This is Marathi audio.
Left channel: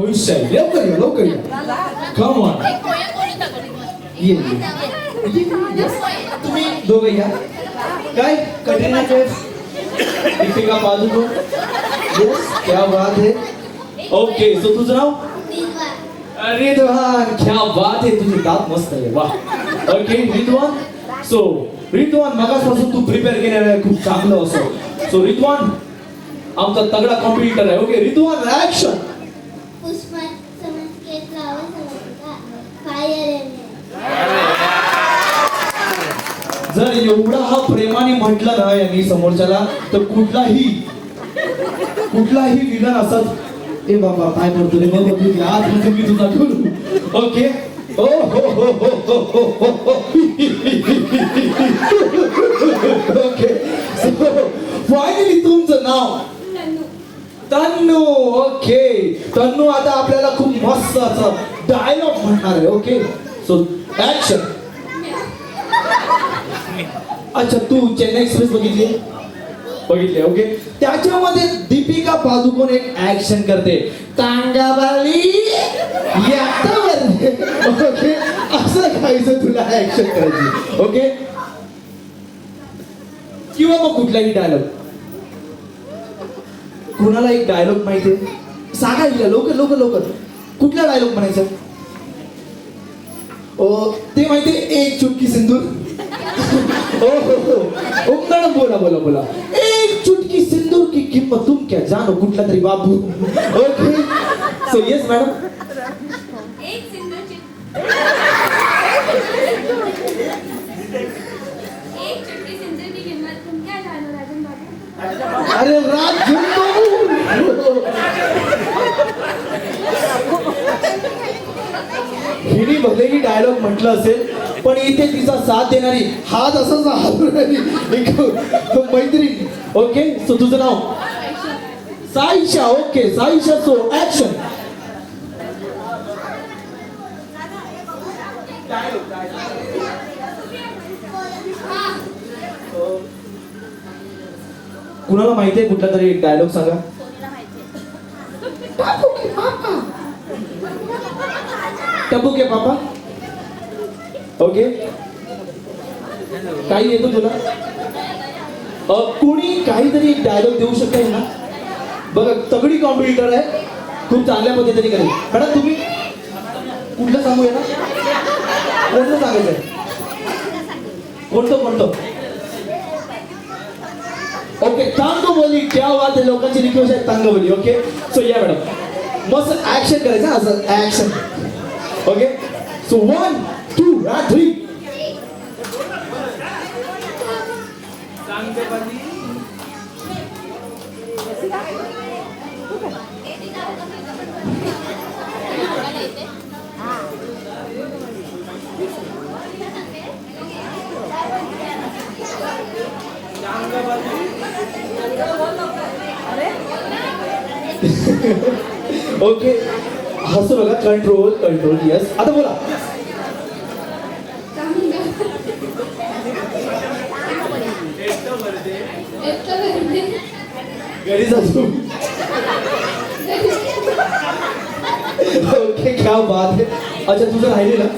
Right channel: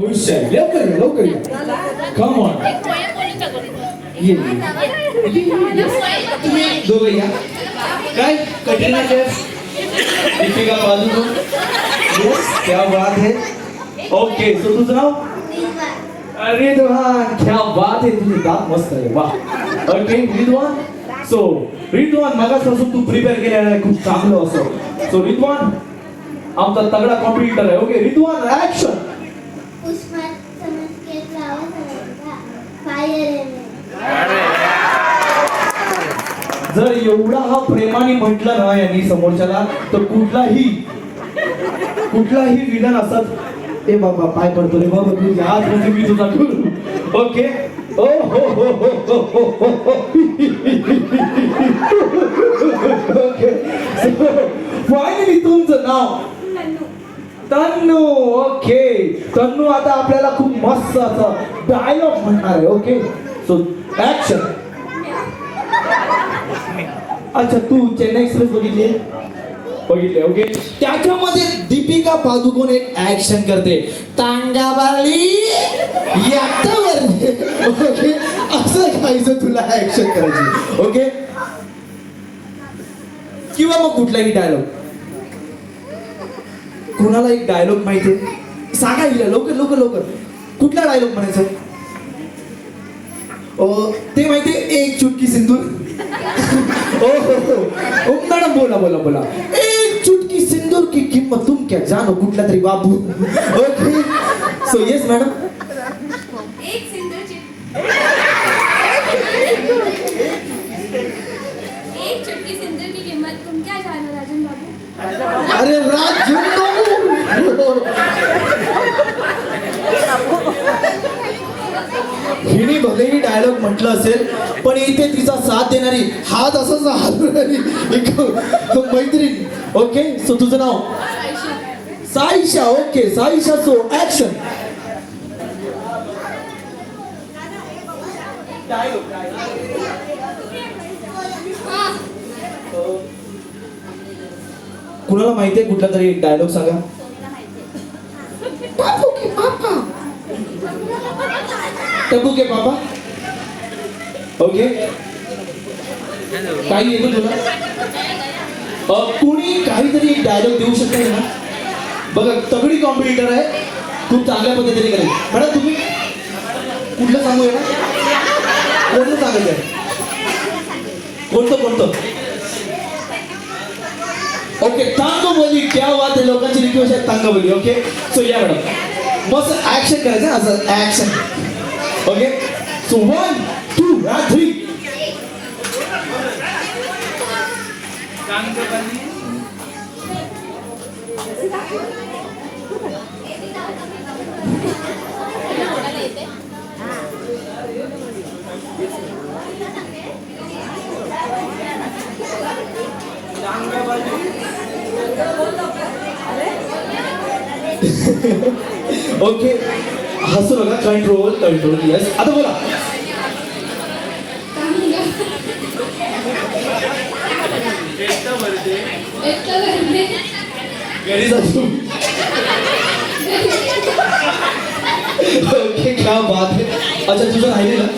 भविष्य आहे. लवकर या कम ऑन ये तुम्ही दोघे या काय कटरीना कैफ दीपिका पादुकोण यस क्या बात है ओके सो तुझं नाव रिद्वान क्या बात है तुझे दात मस्त आहे वाह ओके रिद्वान सो रिद्वान मगासपासून तू प्रिपेअर केलेला आहे खूप चांगलं असं सो रिद्वान आमचा तगडा कॉम्पिटिटर आहे ओके रिद्वान ऍक्शन जर एवढा हा प्रेमाने म्हटलं ना यांनी समोरच्याला तर कुठलाही विलन असत ए बाबा काय पडतो रे बाबा तू आज म्हणजे मी तुझा करू ओके ओ हो ओके फायनली तुमचं नाव तन्नू ओके तन्नू आता आपल्याला खूप मस्त असं डायलॉग म्हणणार आहे ओके सो ऍक्शन अच्छा तू चेन्नई एक्सप्रेस बघितले ओके त्याच्यामध्ये दीपिका पादुकोण एक ऍक्शन करते तांगाबाली ओके असं काहीच तुला ऍक्शन करायची ओके किंवा मग कुठलाही डायलॉग कुणाला एक डायलॉग माहितीये सांगा हिला लवकर कुठला डायलॉग म्हणायचा ते माहितीये एक चुटकी सिंदूर ओ मॅडम बोला एक चुटकी सिंदूर की किंमत तुम क्या जानो कुठला तरी बाबू ओके सो येस मॅडम एक सिंदूरची एक चुटकी सिंदूर की किंमत तुम क्या जानो राजन बाबू अरे राजन हिने भलेही डायलॉग म्हटलं असेल पण इथे तिचा साथ देणारी हात असंच हलवणारी एक मैत्रीण ओके सो तुझं नाव Saisha okay Saisha so action कुणाला माहितीये कुठला तरी डायलॉग सांगा टप्पू के पापा ओके काही येते तुला कुणी काहीतरी डायलॉग देऊ शकता ना बघा तगडी कॉम्पिटिटर आहे खूप चांगल्या पद्धतीने करेल मॅडम तुम्ही कुठलं सांगू ना कोणतं सांगायचं कोणतं ओके तांग बोली क्या बात आहे लोकांची रिक्वेस्ट आहे तांग बोली ओके सो या मॅडम मस्त ऍक्शन करायचं असं action okay so 1 2 and 3 okay हसू नका कंट्रोल यस आता बोला ओके क्या बात है अच्छा तुझं राहिलेलं